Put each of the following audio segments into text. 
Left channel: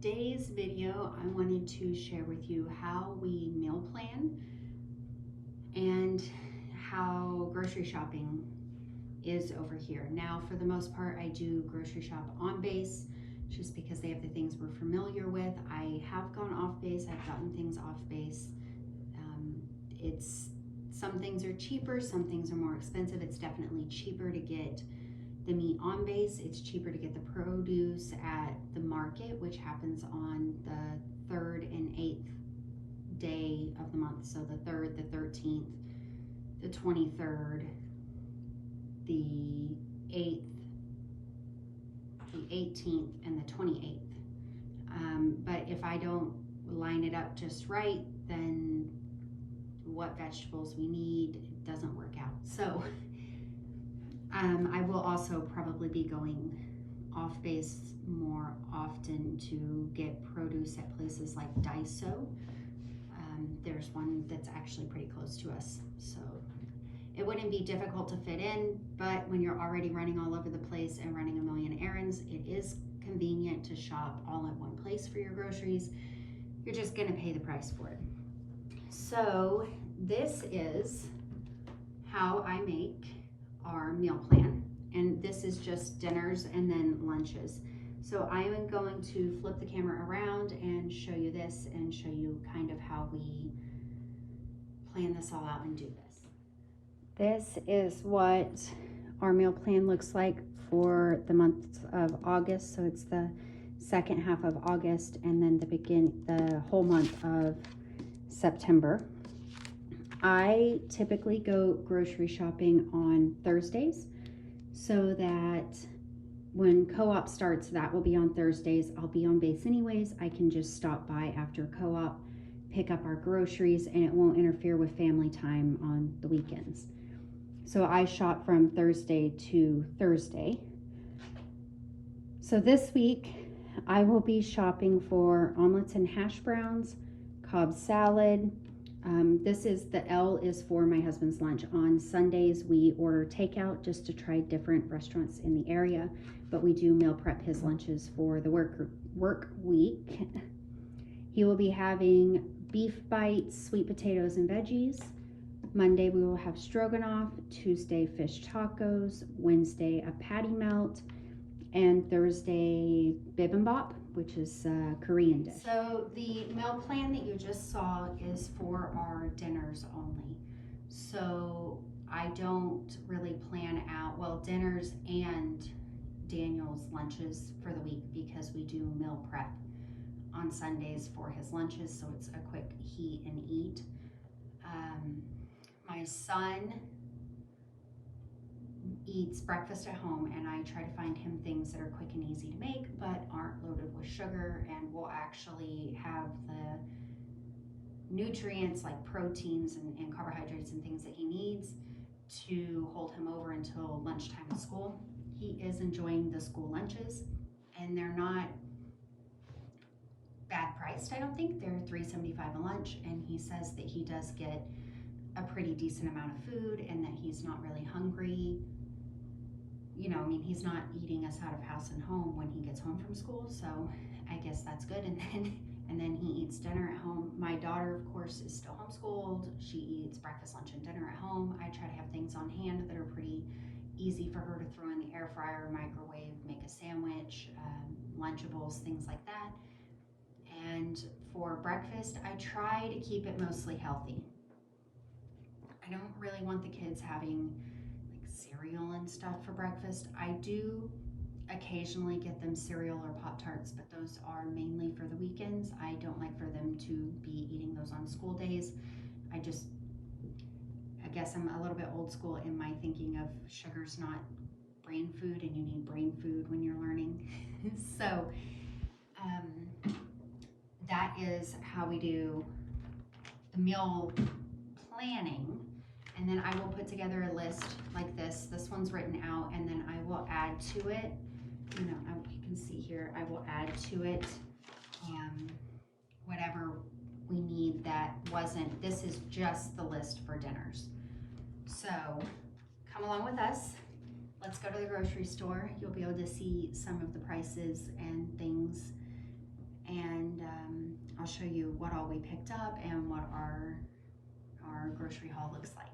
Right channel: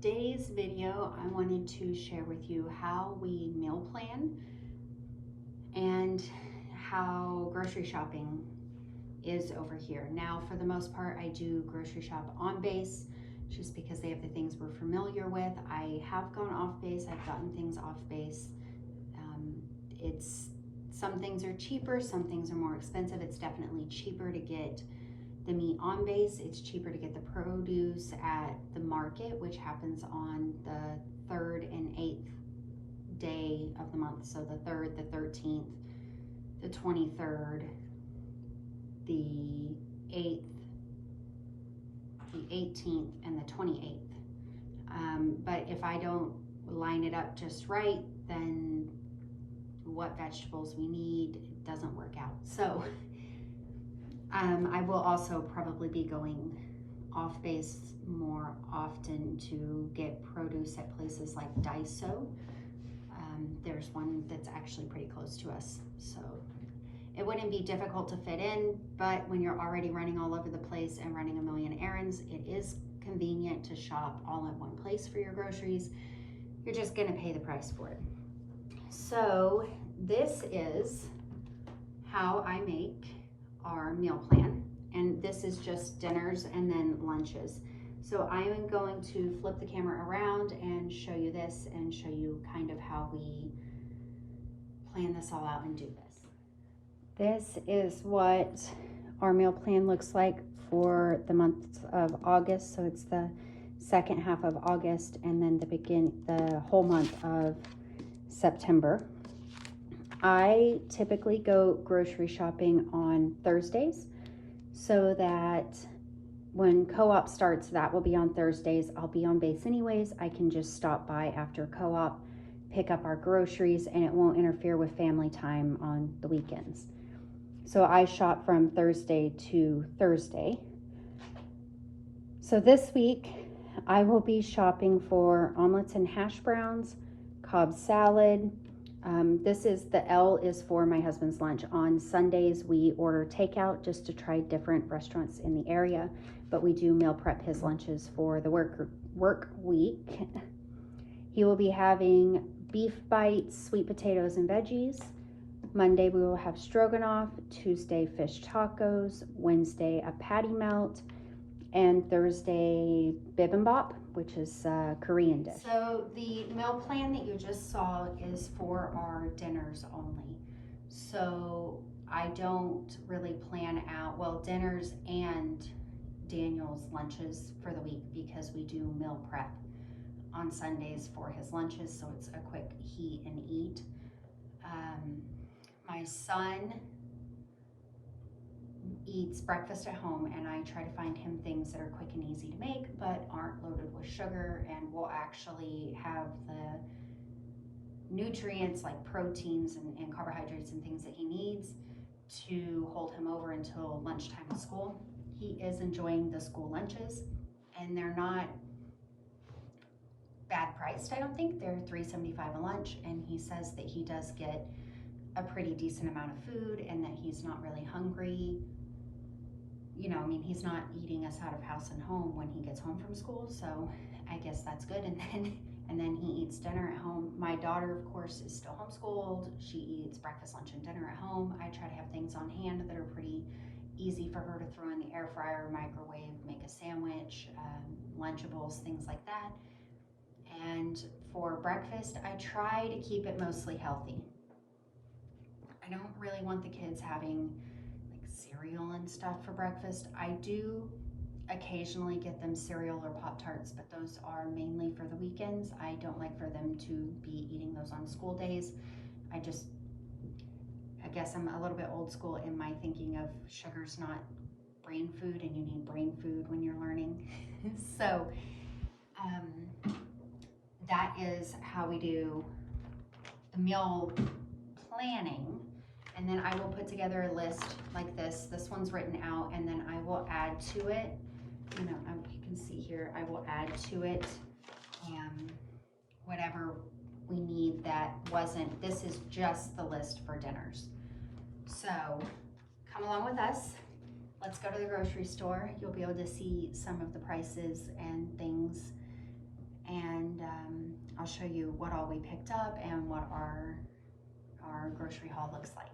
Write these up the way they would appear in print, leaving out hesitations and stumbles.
today's video, I wanted to share with you how we meal plan and how grocery shopping is over here. Now, for the most part, I do grocery shop on base just because they have the things we're familiar with. I have gone off base, I've gotten things off base. Some things are cheaper, some things are more expensive. It's definitely cheaper to get the meat on base. It's cheaper to get the produce at the market, which happens on the 3rd and 8th day of the month. So the 3rd, the 13th, the 23rd, the 8th, the 18th, and the 28th. But if I don't line it up just right, then what vegetables we need doesn't work out. So I will also probably be going off base more often to get produce at places like Daiso. There's one that's actually pretty close to us, so it wouldn't be difficult to fit in, but when you're already running all over the place and running a million errands, it is convenient to shop all in one place for your groceries. You're just gonna pay the price for it. So this is how I make our meal plan, and this is just dinners and then lunches. So I am going to flip the camera around and show you this and show you kind of how we plan this all out and do this. This is what our meal plan looks like for the month of August. So it's the second half of August and then the whole month of September. I typically go grocery shopping on Thursdays so that when co-op starts, that will be on Thursdays. I'll be on base anyways. I can just stop by after co-op, pick up our groceries, and it won't interfere with family time on the weekends. So I shop from Thursday to Thursday. So this week I will be shopping for omelets and hash browns, Cobb salad. The L is for my husband's lunch. On Sundays, we order takeout just to try different restaurants in the area, but we do meal prep his lunches for the work week. He will be having beef bites, sweet potatoes, and veggies. Monday, we will have stroganoff. Tuesday, fish tacos. Wednesday, a patty melt. And Thursday, bibimbap, which is a Korean dish. So the meal plan that you just saw is for our dinners only. So I don't really plan out, dinners and Daniel's lunches for the week because we do meal prep on Sundays for his lunches, so it's a quick heat and eat. My son eats breakfast at home, and I try to find him things that are quick and easy to make but aren't loaded with sugar and will actually have the nutrients like proteins and carbohydrates and things that he needs to hold him over until lunchtime at school. He is enjoying the school lunches, and they're not bad priced. I don't think they're $3.75 a lunch, and he says that he does get a pretty decent amount of food and that he's not really hungry. He's not eating us out of house and home when he gets home from school, so I guess that's good. And then he eats dinner at home. My daughter, of course, is still homeschooled. She eats breakfast, lunch, and dinner at home. I try to have things on hand that are pretty easy for her to throw in the air fryer, microwave, make a sandwich, Lunchables, things like that. And for breakfast, I try to keep it mostly healthy. I don't really want the kids having cereal and stuff for breakfast. I do occasionally get them cereal or Pop-Tarts, but those are mainly for the weekends. I don't like for them to be eating those on school days. I guess I'm a little bit old school in my thinking of sugar's not brain food, and you need brain food when you're learning. So that is how we do the meal planning. And then I will put together a list like this. This one's written out, and then I will add to it, you can see here, I will add to it whatever we need that wasn't, this is just the list for dinners. So come along with us. Let's go to the grocery store. You'll be able to see some of the prices and things and I'll show you what all we picked up and what our grocery haul looks like.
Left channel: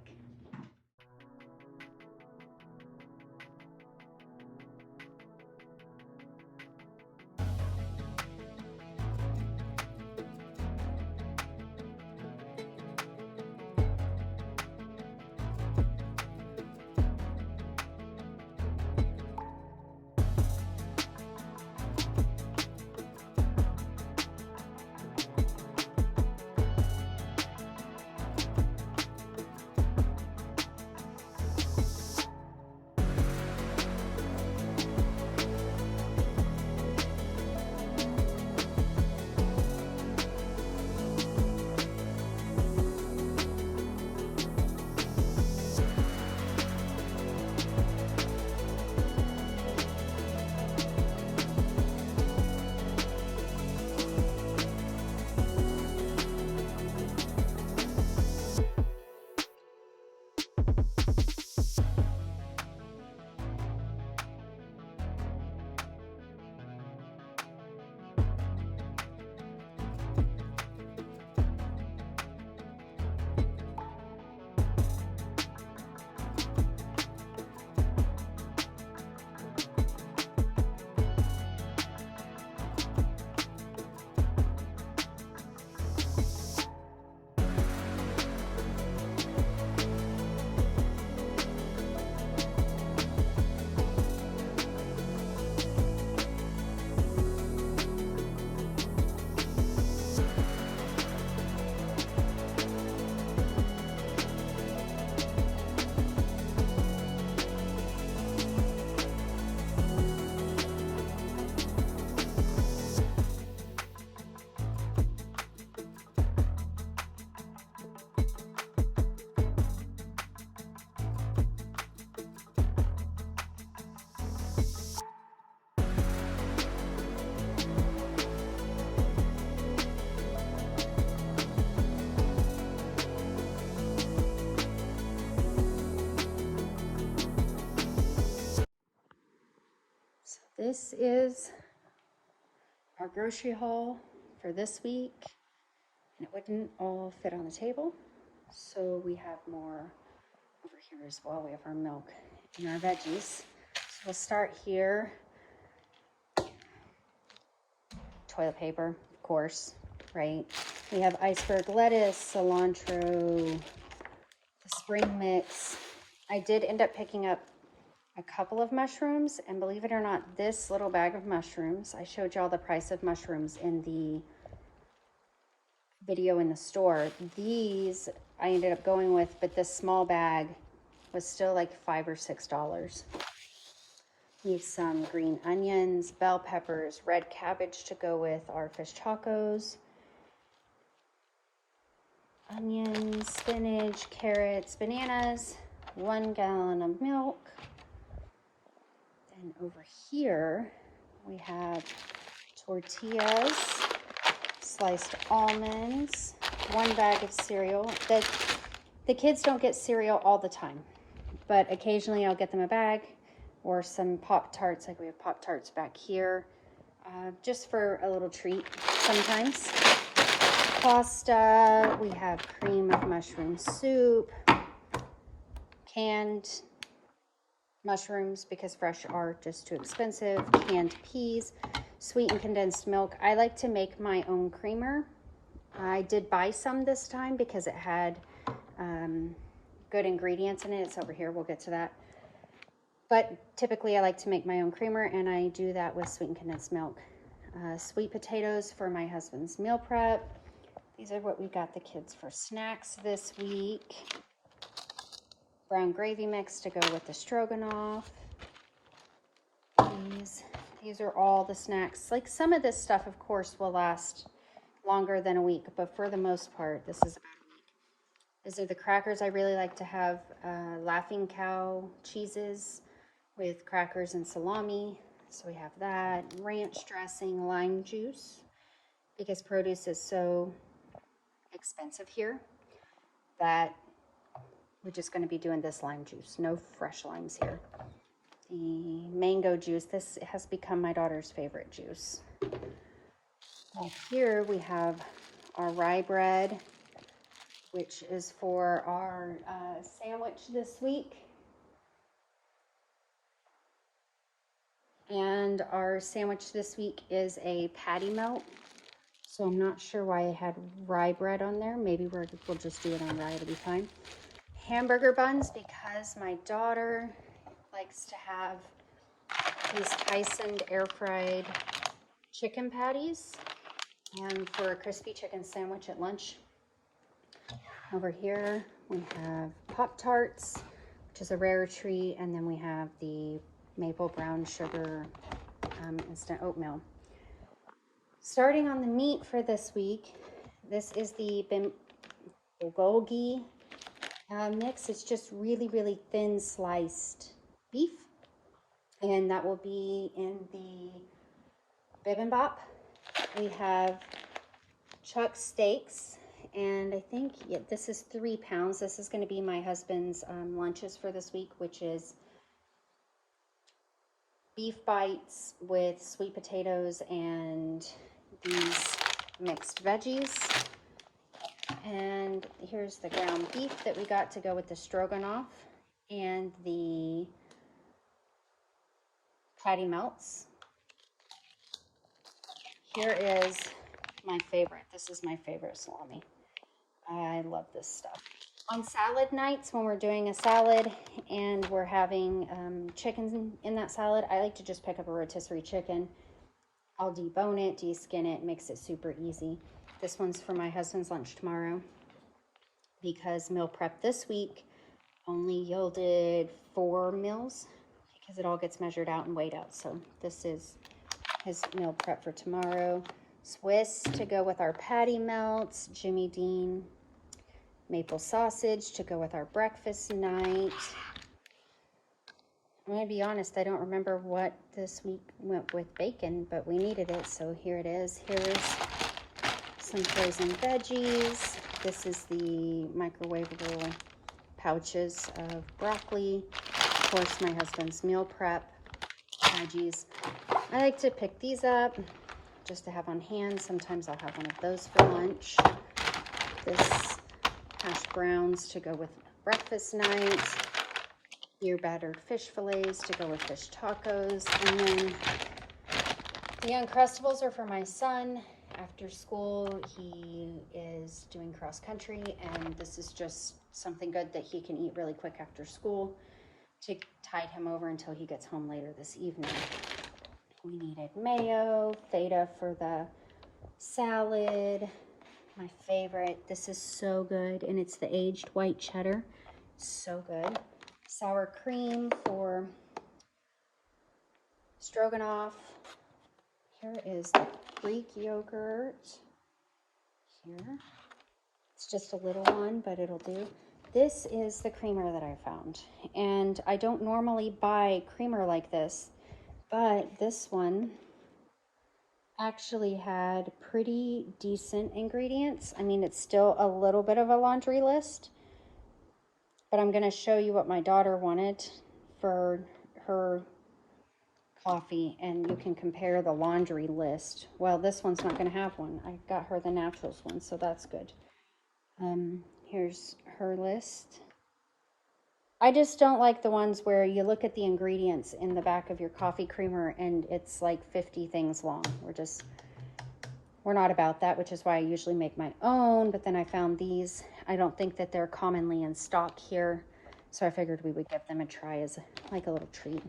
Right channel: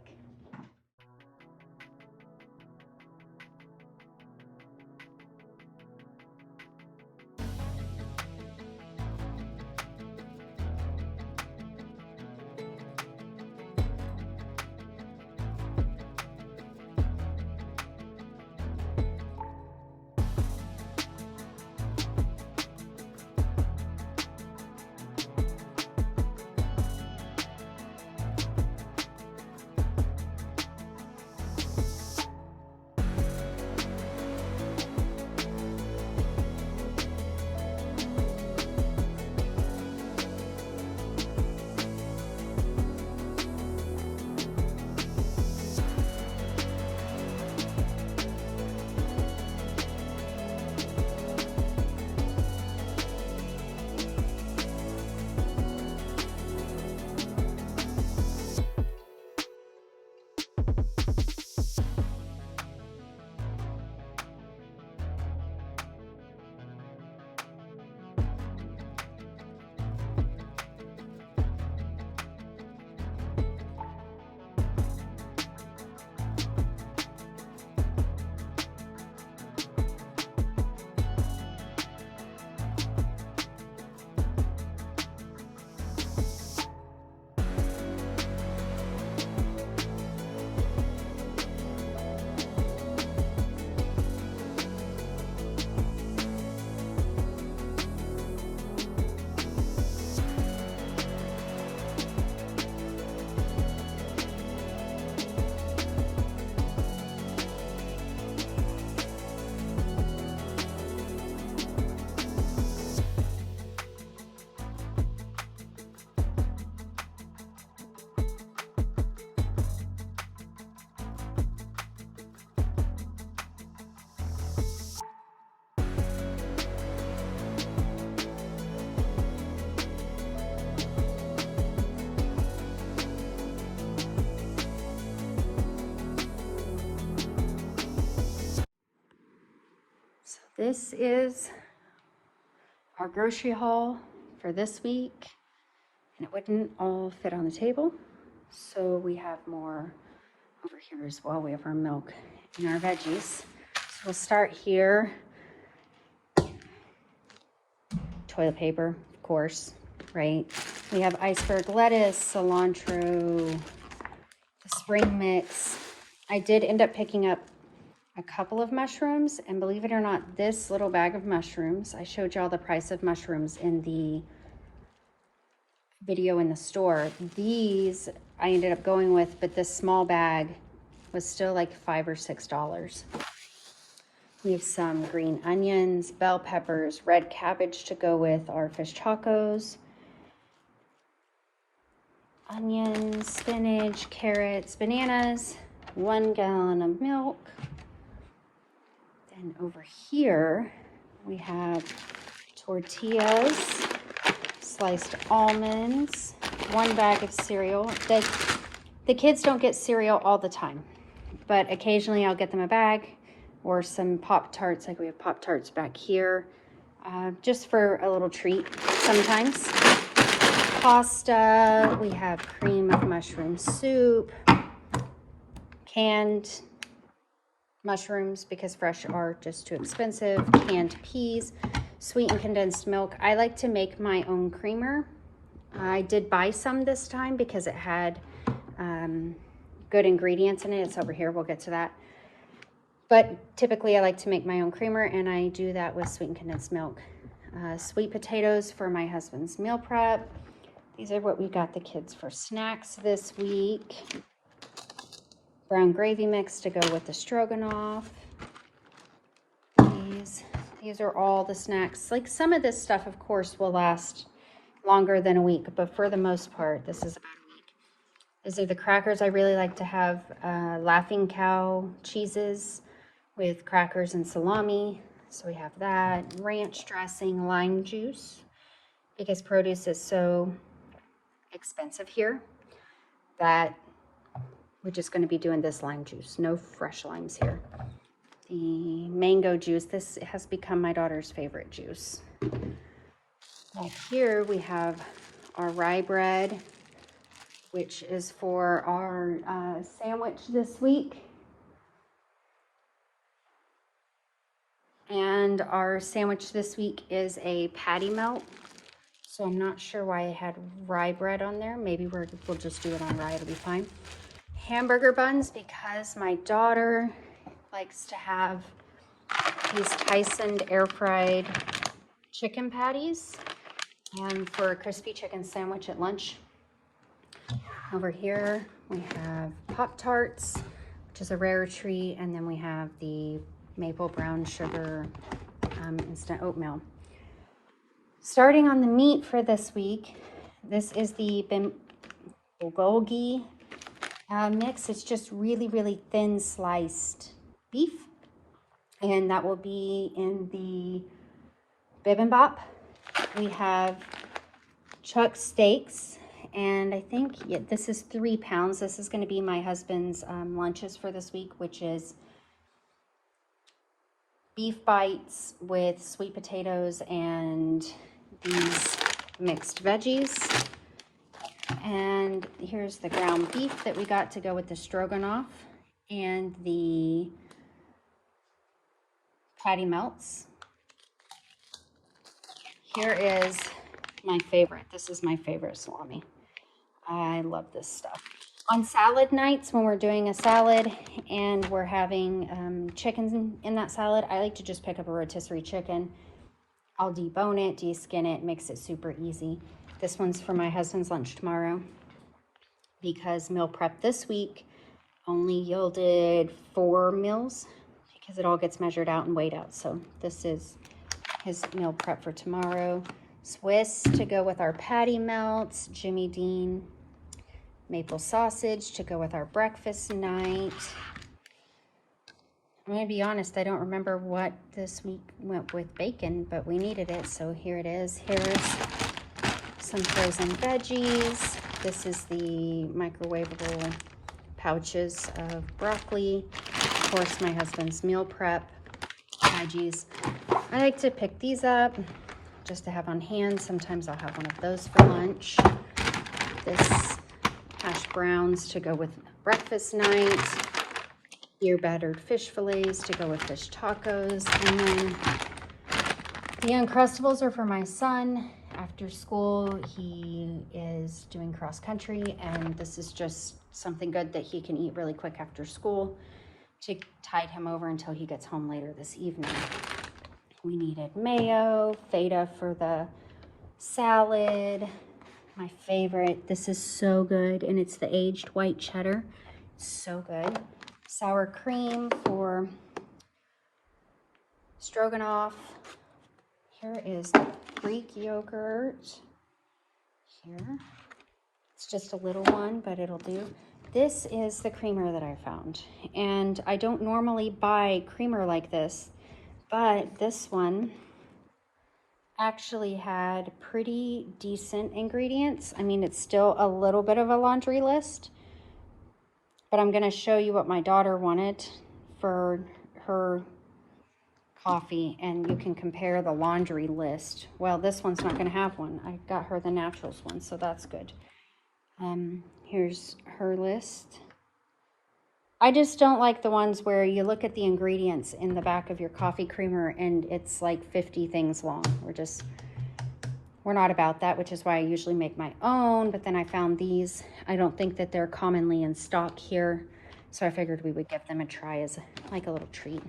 This is our grocery haul for this week, and it wouldn't all fit on the table, so we have more over here as well. We have our milk and our veggies. So we'll start here. Toilet paper, of course, right? We have iceberg lettuce, cilantro, the spring mix. I did end up picking up a couple of mushrooms, and believe it or not, this little bag of mushrooms, I showed y'all the price of mushrooms in the video in the store. These I ended up going with, but this small bag was still like $5 or $6. We have some green onions, bell peppers, red cabbage to go with our fish tacos, onions, spinach, carrots, bananas, 1 gallon of milk. And over here, we have tortillas, sliced almonds, 1 bag of cereal. The kids don't get cereal all the time, but occasionally I'll get them a bag or some Pop-Tarts, like we have Pop-Tarts back here, just for a little treat sometimes. Pasta, we have cream of mushroom soup, canned mushrooms because fresh are just too expensive, canned peas, sweetened condensed milk. I like to make my own creamer. I did buy some this time because it had good ingredients in it. It's over here, we'll get to that. But typically I like to make my own creamer, and I do that with sweetened condensed milk. Sweet potatoes for my husband's meal prep. These are what we got the kids for snacks this week. Brown gravy mix to go with the stroganoff. These are all the snacks. Like, some of this stuff, of course, will last longer than a week, but for the most part, this is about a week. These are the crackers. I really like to have Laughing Cow cheeses with crackers and salami. So we have that. Ranch dressing, lime juice, because produce is so expensive here that we're just going to be doing this lime juice. No fresh limes here. The mango juice. This has become my daughter's favorite juice. Up here we have our rye bread, which is for our sandwich this week. And our sandwich this week is a patty melt. So I'm not sure why I had rye bread on there. Maybe we'll just do it on rye, it'll be fine. Hamburger buns, because my daughter likes to have these Tyson air fried chicken patties and for a crispy chicken sandwich at lunch. Over here we have Pop-Tarts, which is a rare treat, and then we have the maple brown sugar instant oatmeal. Starting on the meat for this week, this is the bulgogi mix. It's just really, really thin sliced beef, and that will be in the bibimbap. We have chuck steaks, and I think this is 3 pounds. This is going to be my husband's lunches for this week, which is beef bites with sweet potatoes and these mixed veggies. And here's the ground beef that we got to go with the stroganoff and the patty melts. Here is my favorite. This is my favorite salami. I love this stuff. On salad nights, when we're doing a salad and we're having chicken in that salad, I like to just pick up a rotisserie chicken. I'll debone it, deskin it, makes it super easy. This one's for my husband's lunch tomorrow because meal prep this week only yielded 4 meals because it all gets measured out and weighed out. So this is his meal prep for tomorrow. Swiss to go with our patty melts, Jimmy Dean maple sausage to go with our breakfast night. I'm going to be honest, I don't remember what this week went with bacon, but we needed it, so here it is. Here is some frozen veggies. This is the microwavable pouches of broccoli. Of course, my husband's meal prep veggies. I like to pick these up just to have on hand. Sometimes I'll have one of those for lunch. This hash browns to go with breakfast night. Ear battered fish fillets to go with fish tacos. And then the Uncrustables are for my son. After school, he is doing cross country, and this is just something good that he can eat really quick after school to tide him over until he gets home later this evening. We needed mayo, feta for the salad. My favorite, this is so good, and it's the aged white cheddar. So good. Sour cream for stroganoff. Here is Greek yogurt. Here. It's just a little one, but it'll do. This is the creamer that I found. And I don't normally buy creamer like this, but this one actually had pretty decent ingredients. I mean, it's still a little bit of a laundry list, but I'm gonna show you what my daughter wanted for her coffee, and you can compare the laundry list. Well, this one's not gonna have one. I got her the naturals one, so that's good. Here's her list. I just don't like the ones where you look at the ingredients in the back of your coffee creamer and it's like 50 things long. We're not about that, which is why I usually make my own, but then I found these. I don't think that they're commonly in stock here, so I figured we would give them a try as like a little treat.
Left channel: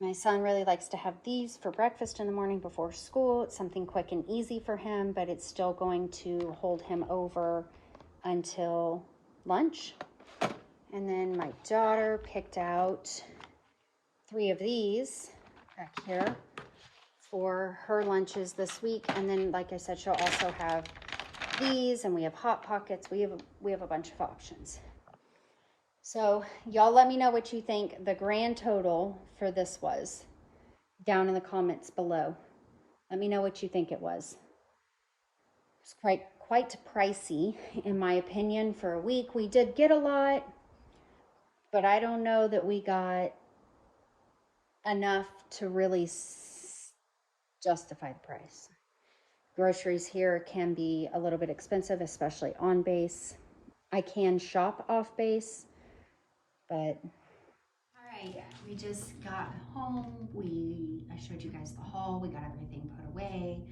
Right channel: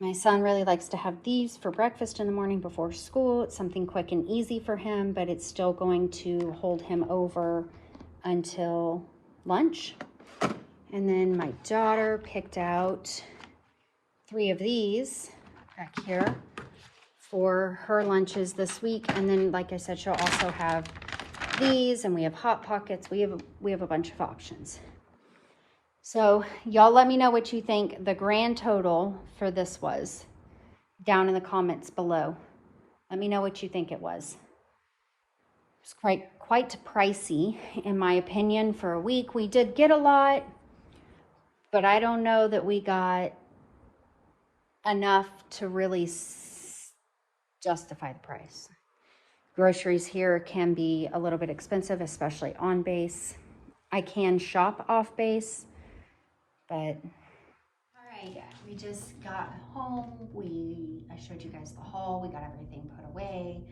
My son really likes to have these for breakfast in the morning before school. It's something quick and easy for him, but it's still going to hold him over until lunch. And then my daughter picked out 3 of these back here for her lunches this week. And then, like I said, she'll also have these, and we have Hot Pockets. We have a bunch of options. So y'all let me know what you think the grand total for this was down in the comments below. Let me know what you think it was. It's quite pricey, in my opinion, for a week. We did get a lot, but I don't know that we got enough to really justify the price. Groceries here can be a little bit expensive, especially on base. I can shop off base, but all right, we just got home. I showed you guys the haul. We got everything put away.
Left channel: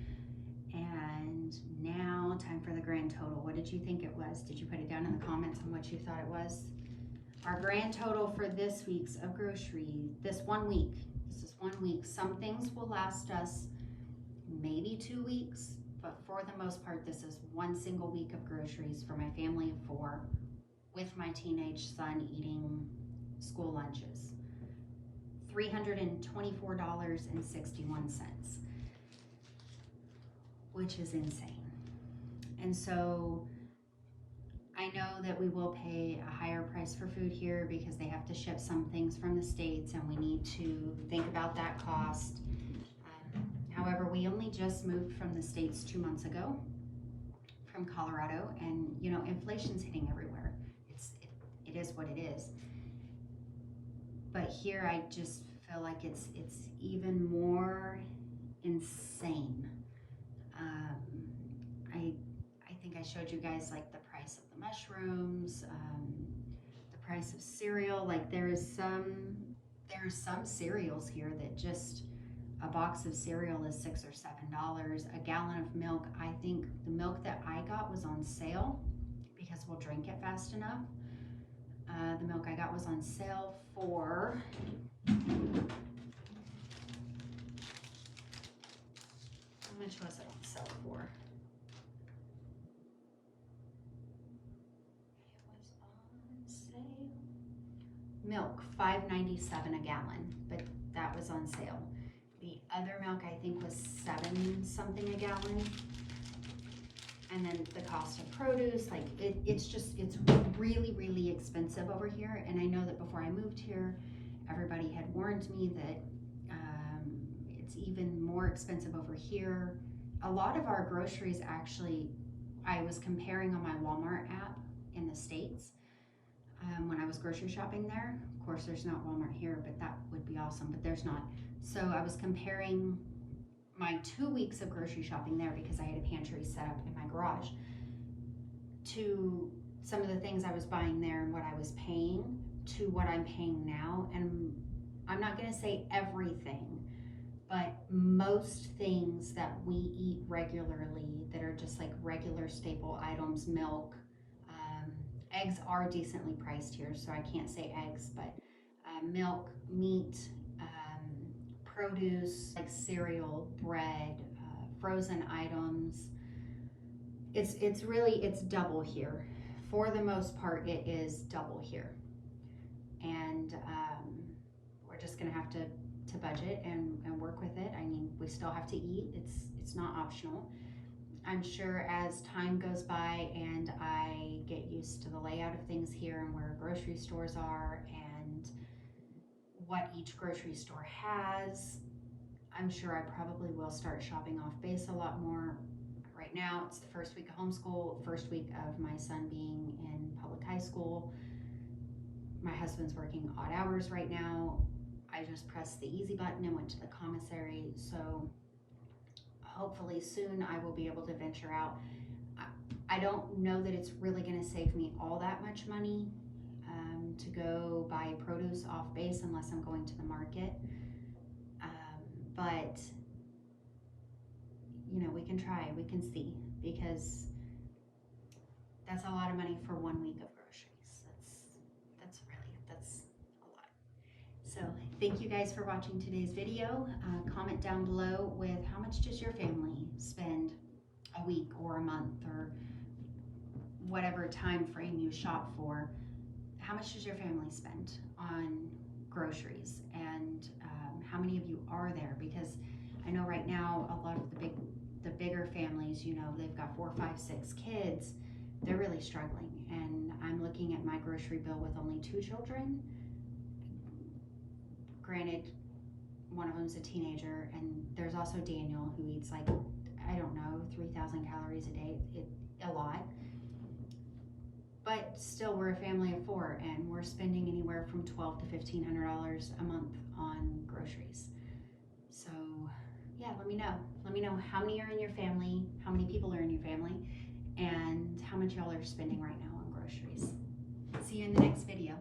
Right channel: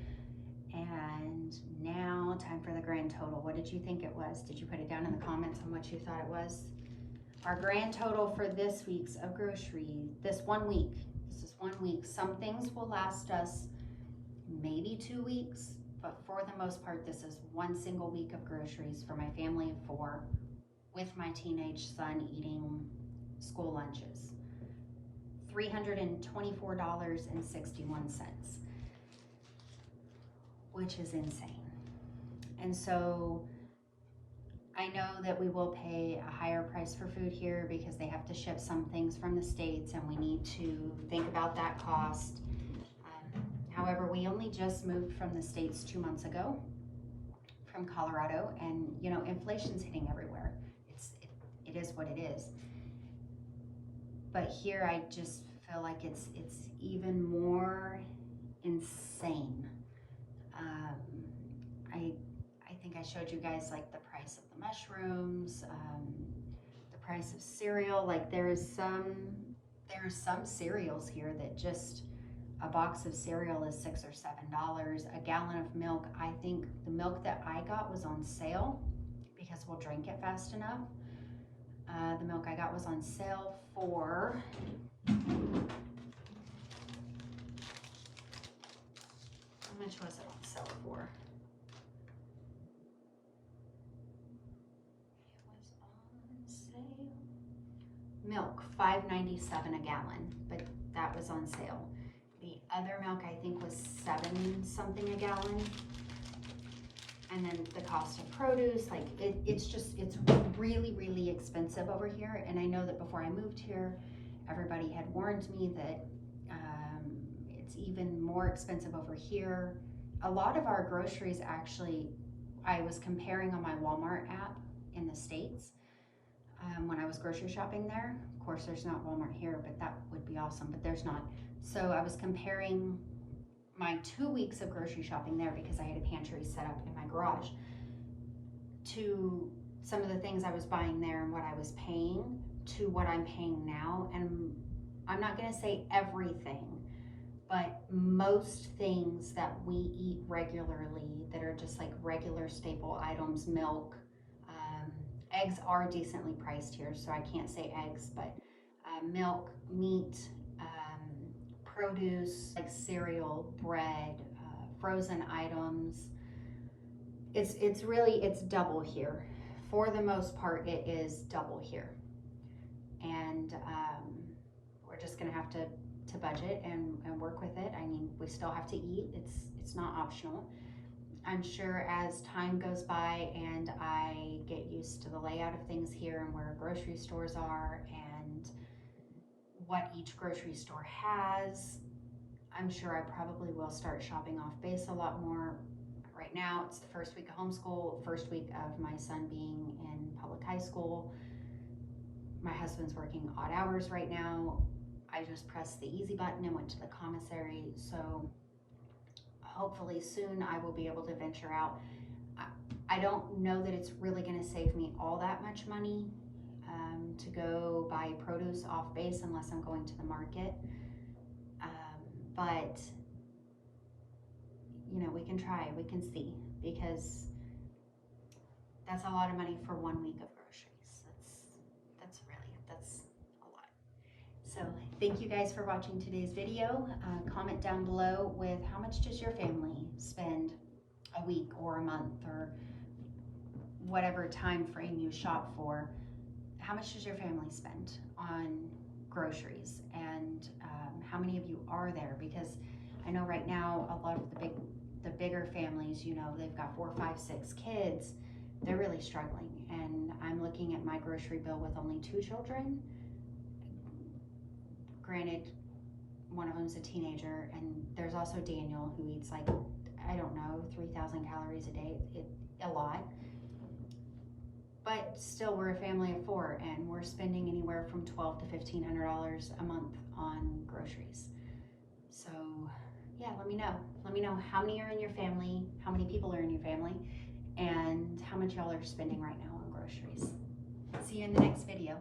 And now time for the grand total. What did you think it was? Did you put it down in the comments on what you thought it was? Our grand total for this week's of grocery, this is 1 week. Some things will last us maybe 2 weeks, but for the most part, this is one single week of groceries for my family of 4 with my teenage son eating school lunches. $324.61, which is insane. And so I know that we will pay a higher price for food here because they have to ship some things from the States, and we need to think about that cost. However, we only just moved from the States 2 months ago from Colorado, and you know, inflation's hitting everywhere. It is what it is. But here I just feel like it's even more insane. I think I showed you guys like the price of the mushrooms, the price of cereal. Like there's some cereals here that just a box of cereal is $6 or $7. A gallon of milk, I think the milk that I got was on sale because we'll drink it fast enough. The milk I got was on sale for how much was it on sale for? Milk, $5.97 a gallon, but that was on sale. The other milk I think was $7 something a gallon. And then the cost of produce, like it's really, really expensive over here. And I know that before I moved here, everybody had warned me that it's even more expensive over here. A lot of our groceries actually, I was comparing on my Walmart app in the States. When I was grocery shopping there. Of course, there's not Walmart here, but that would be awesome, but there's not. So I was comparing my 2 weeks of grocery shopping there because I had a pantry set up in my garage to some of the things I was buying there and what I was paying to what I'm paying now. And I'm not gonna say everything, but most things that we eat regularly that are just like regular staple items, milk, eggs are decently priced here, so I can't say eggs, but milk, meat, produce, like cereal, bread, frozen items. It's double here. For the most part, it is double here. And we're just gonna have to budget and work with it. I mean, we still have to eat. It's not optional. I'm sure as time goes by and I get used to the layout of things here and where grocery stores are and what each grocery store has, I'm sure I probably will start shopping off base a lot more. Right now, it's the first week of homeschool, first week of my son being in public high school. My husband's working odd hours right now. I just pressed the easy button and went to the commissary, so hopefully soon I will be able to venture out. I don't know that it's really going to save me all that much money to go buy produce off base unless I'm going to the market. But you know, we can try, we can see, because that's a lot of money for 1 week of groceries. That's a lot. So thank you guys for watching today's video. Comment down below with how much does your family spend a week or a month or whatever time frame you shop for. How much does your family spend on groceries, and how many of you are there? Because I know right now a lot of the bigger families, you know, they've got 4, 5, 6 kids. They're really struggling, and I'm looking at my grocery bill with only 2 children. Granted, one of them's a teenager, and there's also Daniel, who eats like, I don't know, 3,000 calories a day. A lot. But still, we're a family of 4, and we're spending anywhere from $1,200 to $1,500 a month on groceries. So yeah, let me know. Let me know how many are in your family, how many people are in your family, and how much y'all are spending right now on groceries. See you in the next video.